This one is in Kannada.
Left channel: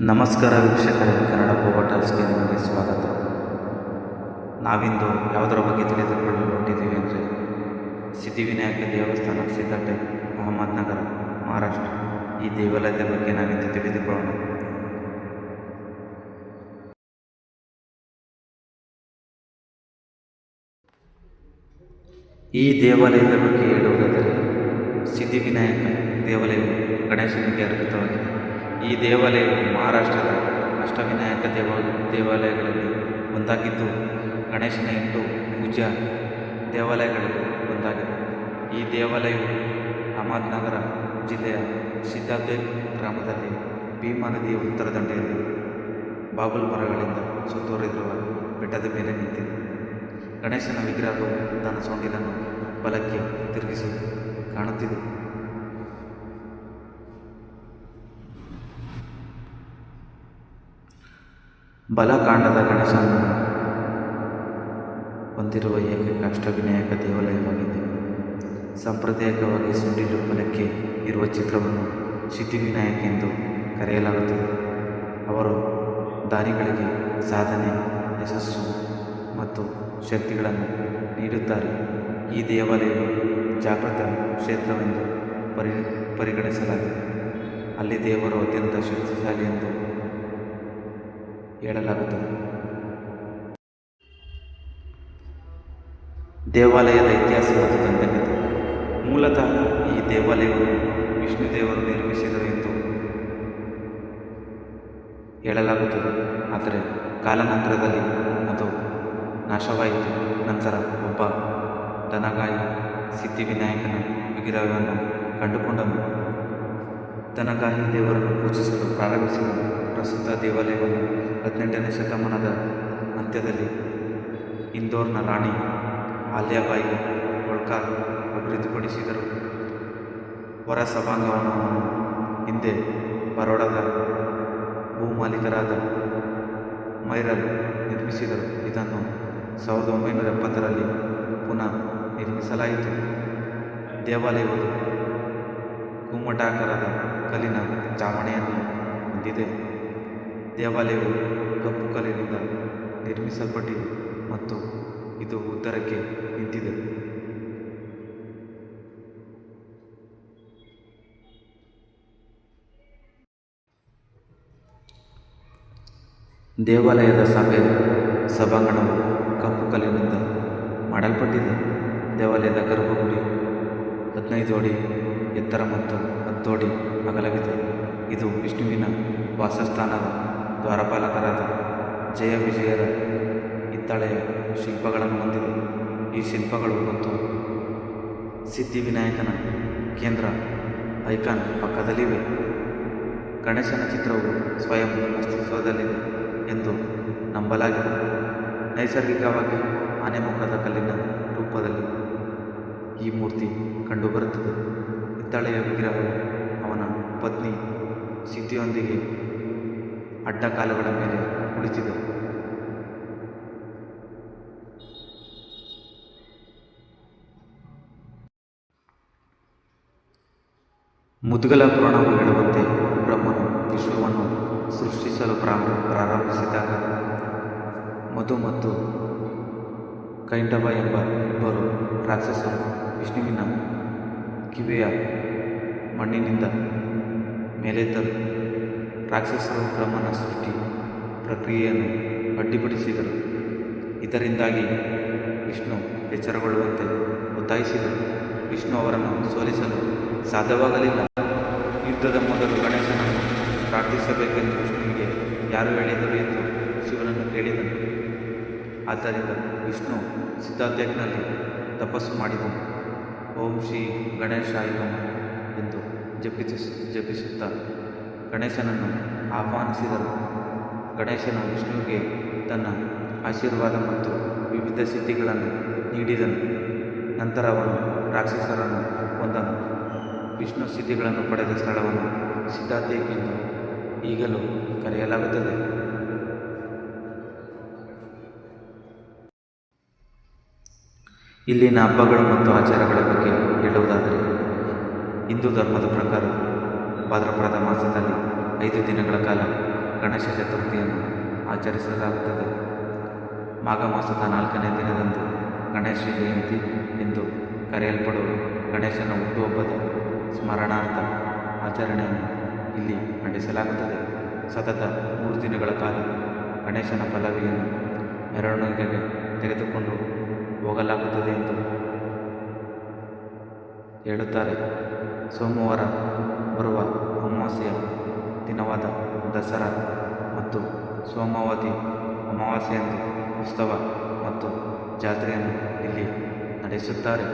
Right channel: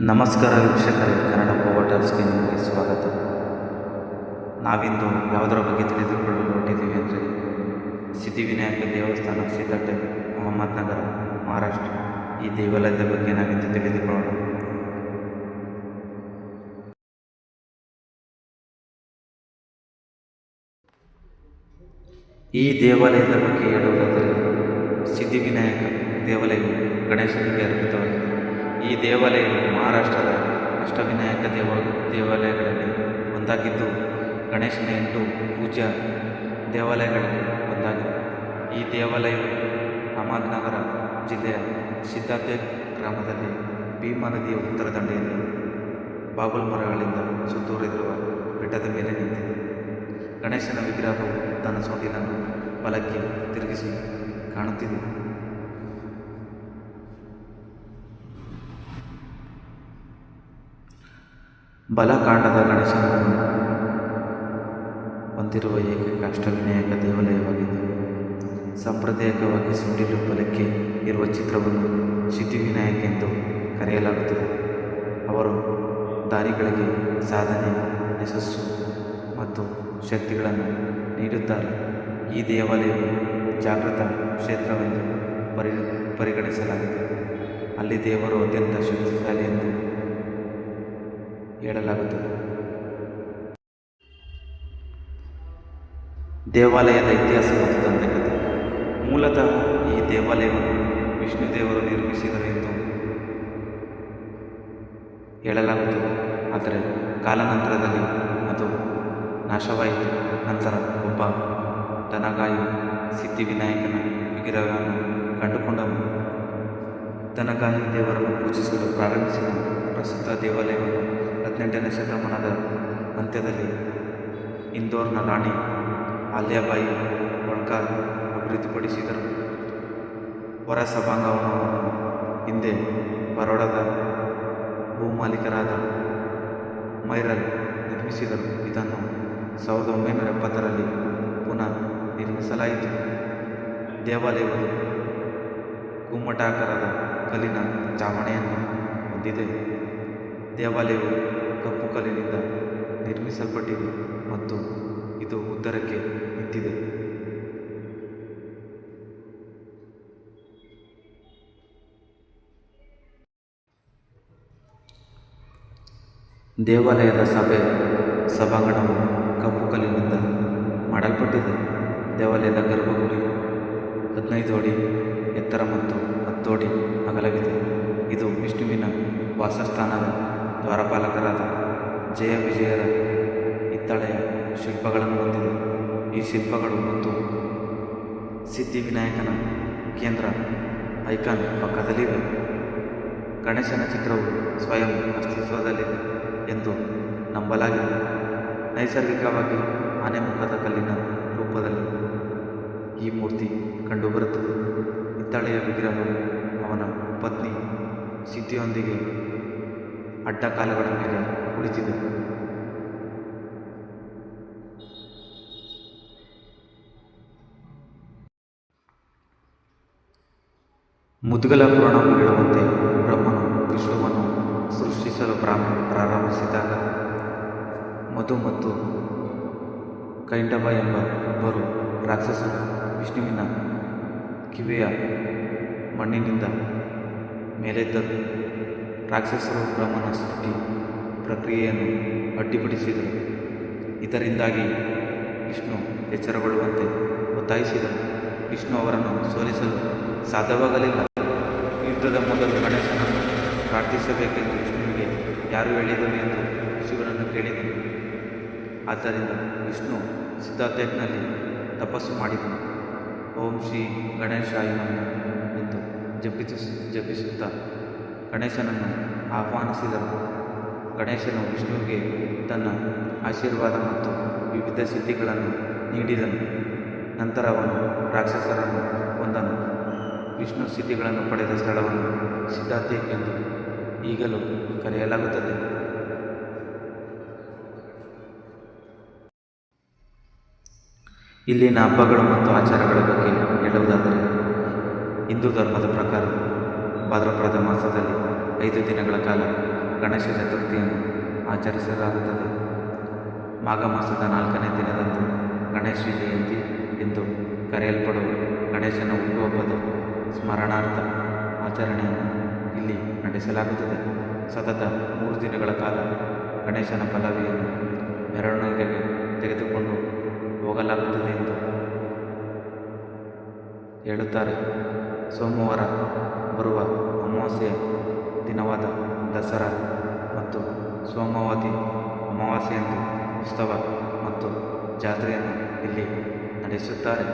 ನಮಸ್ಕಾರ ವೀಕ್ಷಕರೇ, ಕನ್ನಡ ಪೋವಟರ್ಸ್ಗೆ ನಿಮಗೆ ಸ್ವಾಗತ. ನಾವಿಂದು ಯಾವುದರ ಬಗ್ಗೆ ತಿಳಿದುಕೊಳ್ಳಲು ಹೊರಟಿದ್ದೀವಿ ಅಂದರೆ, ಸಿದ್ಧಿವಿನಾಯಕ ದೇವಸ್ಥಾನ ಸಿದ್ದಟ್ಟೆ ಅಹಮದ್ನಗರ, ಮಹಾರಾಷ್ಟ್ರ. ಈ ದೇವಾಲಯದ ಬಗ್ಗೆ ನಾವಿಂದು ತಿಳಿದುಕೊಳ್ಳೋಣ. ಈ ದೇವಾಲಯದ ಬಗ್ಗೆ ಹೇಳುವುದಾದರೆ, ಸಿದ್ಧಿವಿನಾಯಕ ದೇವಾಲಯವು ಗಣೇಶನಿಗೆ ಅರ್ಪಿತವಾಗಿದೆ. ಈ ದೇವಾಲಯವು ಮಹಾರಾಷ್ಟ್ರದ ಅಷ್ಟವಿನಾಯಕ ದೇವ, ದೇವಾಲಯಗಳಲ್ಲಿ ಒಂದಾಗಿದ್ದು, ಗಣೇಶನ ಎಂಟು ಪೂಜಾ ದೇವಾಲಯಗಳಲ್ಲಿ ಒಂದಾಗಿದೆ. ಈ ದೇವಾಲಯವು ಅಹಮದ್ನಗರ ಜಿಲ್ಲೆಯ ಸಿದ್ಧಾರ್ಥ ಗ್ರಾಮದಲ್ಲಿ ಭೀಮಾ ನದಿಯ ಉತ್ತರ ದಂಡೆಯಲ್ಲಿ ಬಾಬುಲ್ ಮರಗಳಿಂದ ಸುತ್ತೂರಿರುವ ಬೆಟ್ಟದ ಮೇಲೆ ನಿಂತಿದೆ. ಗಣೇಶನ ವಿಗ್ರಹವು ತನ್ನ ಸೊಂಡಿಲನ್ನು ಬಲಕ್ಕೆ ತಿರುಗಿಸಿ ಕಾಣುತ್ತಿದೆ. ಬಲಕಾಂಡದ ಗಣೇಶನನ್ನು ಹೊಂದಿರುವ ಏಕೈಕ ಅಷ್ಟವಿನಾಯಕ ದೇವಾಲಯವಾಗಿದೆ. ಸಾಂಪ್ರದಾಯಿಕವಾಗಿ ಸುಂಡಿಲು ಬಲಕ್ಕೆ ಇರುವ ಚಿತ್ರವನ್ನು ಸಿದ್ಧಿವಿನಾಯಕ ಎಂದು ಕರೆಯಲಾಗುತ್ತದೆ. ಅವರು ದಾರಿಗಳಿಗೆ ಸಾಧನೆ, ಯಶಸ್ಸು ಮತ್ತು ಶಕ್ತಿಗಳನ್ನು ನೀಡುತ್ತಾರೆ. ಈ ದೇವಾಲಯವು ಜಾಗೃತ ಕ್ಷೇತ್ರವೆಂದು ಪರಿ ಪರಿಗಣಿಸಲಾಗಿದೆ. ಅಲ್ಲಿ ದೇವರು ಅತ್ಯಂತ ಶಕ್ತಿಶಾಲಿ ಎಂದು ಹೇಳಲಾಗುತ್ತದೆ. ದೇವಾಲಯದ ಇತಿಹಾಸ ಮತ್ತು ದಂತಕಥೆ. ಮೂಲತಃ ಈ ದೇವಾಲಯವನ್ನು ವಿಷ್ಣು ದೇವರು ನಿರ್ಮಿಸಿದರು ಎಂದು ಹೇಳಲಾಗುತ್ತದೆ. ಆದರೆ ಕಾಲಾನಂತರದಲ್ಲಿ ಅದು ನಾಶವಾಯಿತು. ನಂತರ ಒಬ್ಬ ದನಗಾಯಿ ಸಿದ್ಧಿವಿನಾಯಕನ ವಿಗ್ರಹವನ್ನು ಕಂಡುಕೊಂಡನು. ದನಗಾಯಿ ದೇವರನ್ನು ಪೂಜಿಸಲು ಪ್ರಾರಂಭಿಸಿದನು. ಪ್ರಸ್ತುತ ದೇವಾಲಯವನ್ನು ಹದಿನೆಂಟನೇ ಶತಮಾನದ ಅಂತ್ಯದಲ್ಲಿ ಇಂದೋರ್ನ ರಾಣಿ ಆಲ್ಯಾಬಾಯಿ ಹೊಳ್ಕಾರ್ ಅಭಿವೃದ್ಧಿಪಡಿಸಿದರು. ಹೊರ ಸಭಾಂಗಣವನ್ನು ಹಿಂದೆ ಬರೋಡದ ಭೂಮಾಲೀಕರಾದ ಮೈರಲ್ ನಿರ್ಮಿಸಿದರು. ಇದನ್ನು ಸಾವಿರದ ಒಂಬೈನೂರ ಎಪ್ಪತ್ತರಲ್ಲಿ ಪುನಃ ನಿರ್ಮಿಸಲಾಯಿತು. ದೇವಾಲಯವು ಗುಮ್ಮಟಾಕಾರದ ಕಲ್ಲಿನ ಚಾವಣಿಯನ್ನು ಹೊಂದಿದೆ. ದೇವಾಲಯವು ಕಪ್ಪು ಕಲ್ಲಿನಿಂದ ನಿರ್ಮಿಸಲ್ಪಟ್ಟಿದೆ ಮತ್ತು ಇದು ಉತ್ತರಕ್ಕೆ ನಿಂತಿದೆ. ದೇವಾಲಯದ ಸಭೆ ಸಭಾಂಗಣವು ಕಪ್ಪು ಕಲ್ಲಿನಿಂದ ಮಾಡಲ್ಪಟ್ಟಿದೆ. ದೇವಾಲಯದ ಗರ್ಭಗುಡಿ ಹದಿನೈದು ಅಡಿ ಎತ್ತರ ಮತ್ತು ಅಡಿ ಅಗಲವಿದೆ. ಇದು ವಿಷ್ಣುವಿನ ವಾಸಸ್ಥಾನದ ದ್ವಾರಪಾಲಕರಾದ ಜಯ ವಿಜಯರ ಹಿತ್ತಳೆಯ ಶಿಲ್ಪಗಳನ್ನು ಹೊಂದಿದೆ. ಈ ಶಿಲ್ಪಗಳು ಮತ್ತು ಸಿದ್ಧಿವಿನಾಯಕನ ಕೇಂದ್ರ ಐಕಾನ್ ಪಕ್ಕದಲ್ಲಿವೆ. ಗಣೇಶನ ಚಿತ್ರವು ಸ್ವಯಂ ಅಸ್ತಿತ್ವದಲ್ಲಿದೆ ಎಂದು ನಂಬಲಾಗಿದೆ. ನೈಸರ್ಗಿಕವಾಗಿ ಆನೆಮುಖದ ಕಲ್ಲಿನ ರೂಪದಲ್ಲಿ ಈ ಮೂರ್ತಿ ಕಂಡುಬರುತ್ತದೆ. ಹಿತ್ತಾಳೆಯ ವಿಗ್ರಹವು ಅವನ ಪತ್ನಿ ಸಿದ್ಧಿಯೊಂದಿಗೆ ಅಡ್ಡಕಾಲುಗಳ ಮೇಲೆ ಕುಳಿತಿದೆ. ಮುದ್ಗಲ ಪುರಾಣವು ಹೇಳುವಂತೆ ಬ್ರಹ್ಮನು ವಿಶ್ವವನ್ನು ಸೃಷ್ಟಿಸಲು ಪ್ರಾರಂಭ, ಪ್ರಾರಂಭಿಸಿದಾಗ ಮಧು ಮತ್ತು ಕೈಂಡಬ ಎಂಬ ಇಬ್ಬರು ರಾಕ್ಷಸರು ವಿಷ್ಣುವಿನ ಕಿವಿಯ ಮಣ್ಣಿನಿಂದ ಮೇಲೆತ್ತರು. ರಾಕ್ಷಸರು ಬ್ರಹ್ಮನ ಸೃಷ್ಟಿ ಪ್ರಕ್ರಿಯೆಯನ್ನು ಅಡ್ಡಿಪಡಿಸಿದರು. ಇದರಿಂದಾಗಿ ವಿಷ್ಣು ಎಚ್ಚರಗೊಳ್ಳುವಂತೆ ಒತ್ತಾಯಿಸಿದರು. ವಿಷ್ಣು ಅವರನ್ನು ಸೋಲಿಸಲು ಸಾಧ್ಯವಾಗಲಿಲ್ಲ. ಯುದ್ಧದ ಮೊದಲು ಗಣೇಶನನ್ನು ಪ್ರಾರ್ಥಿಸಬೇಕೆಂದು ವಿಷ್ಣುವಿಗೆ ಯಾರು ಹೇಳಿದರು ಎಂದು ಶಿವನನ್ನು ಕೇಳಿದನು. ಆದ್ದರಿಂದ ವಿಷ್ಣು ಸಿದ್ಧಾರ್ಥನಲ್ಲಿ ತಪಸ್ಸು ಮಾಡಿದನು. ಓಂ ಶ್ರೀ ಗಣೇಶಾಯ ನಮಃ ಎಂದು ಜಪಿಸ, ಜಪಿಸುತ್ತಾ ಗಣೇಶನನ್ನು ಆಹ್ವಾನಿಸಿದರು. ಗಣೇಶನು ವಿಷ್ಣುವಿಗೆ ತನ್ನ ಆಶೀರ್ವಾದ ಮತ್ತು ವಿವಿಧ ಸಿದ್ಧಿಗಳನ್ನು ನೀಡಿದನು. ನಂತರ ಅವನು ರಾಕ್ಷಸರನ್ನು ಕೊಂದನು. ವಿಷ್ಣು ಸಿದ್ಧಿಗಳನ್ನು ಪಡೆದ ಸ್ಥಳವನ್ನು ಸಿದ್ಧಾರ್ಥೇಕ್ ಎಂದು ಈಗಲೂ ಕರೆಯಲಾಗುತ್ತದೆ. ಇಲ್ಲಿನ ಹಬ್ಬಗಳು ಮತ್ತು ಆಚಾರಗಳ ಬಗ್ಗೆ ಹೇಳುವುದಾದರೆ, ಹಿಂದೂ ಧರ್ಮದ ಪ್ರಕಾರ ಭಾದ್ರಪದ ಮಾಸದಲ್ಲಿ ಐದು ದಿನಗಳ ಕಾಲ ಗಣೇಶ ಚತುರ್ಥಿಯನ್ನು ಆಚರಿಸಲಾಗುತ್ತದೆ. ಮಾಘ ಮಾಸದ ನಾಲ್ಕನೇ ದಿನದಂದು ಗಣೇಶ ಜಯಂತಿ ಎಂದು ಕರೆಯಲ್ಪಡುವ ಗಣೇಶನ ಹುಟ್ಟುಹಬ್ಬದ ಸ್ಮರಣಾರ್ಥ ಆಚರಣೆಯನ್ನು ಇಲ್ಲಿ ನಡೆಸಲಾಗುತ್ತದೆ. ಸತತ ಮೂರು ದಿನಗಳ ಕಾಲ ಗಣೇಶನ ಪಲ್ಲವಿಯನ್ನು ಮೆರವಣಿಗೆಗೆ ತೆಗೆದುಕೊಂಡು ಹೋಗಲಾಗುತ್ತದೆ ಎಂದು ಹೇಳುತ್ತಾರೆ. ಸೋಮವಾರ ಬರುವ ಅಮಾವಾಸ್ಯೆಯ ದಿನವಾದ ದಸರಾ ಮತ್ತು ಸೋಮವತಿ ಅಮಾವಾಸ್ಯೆಯಂದು ಉತ್ಸವ ಮತ್ತು ಜಾತ್ರೆಯನ್ನು ಇಲ್ಲಿ ನಡೆಸುತ್ತಾರೆ.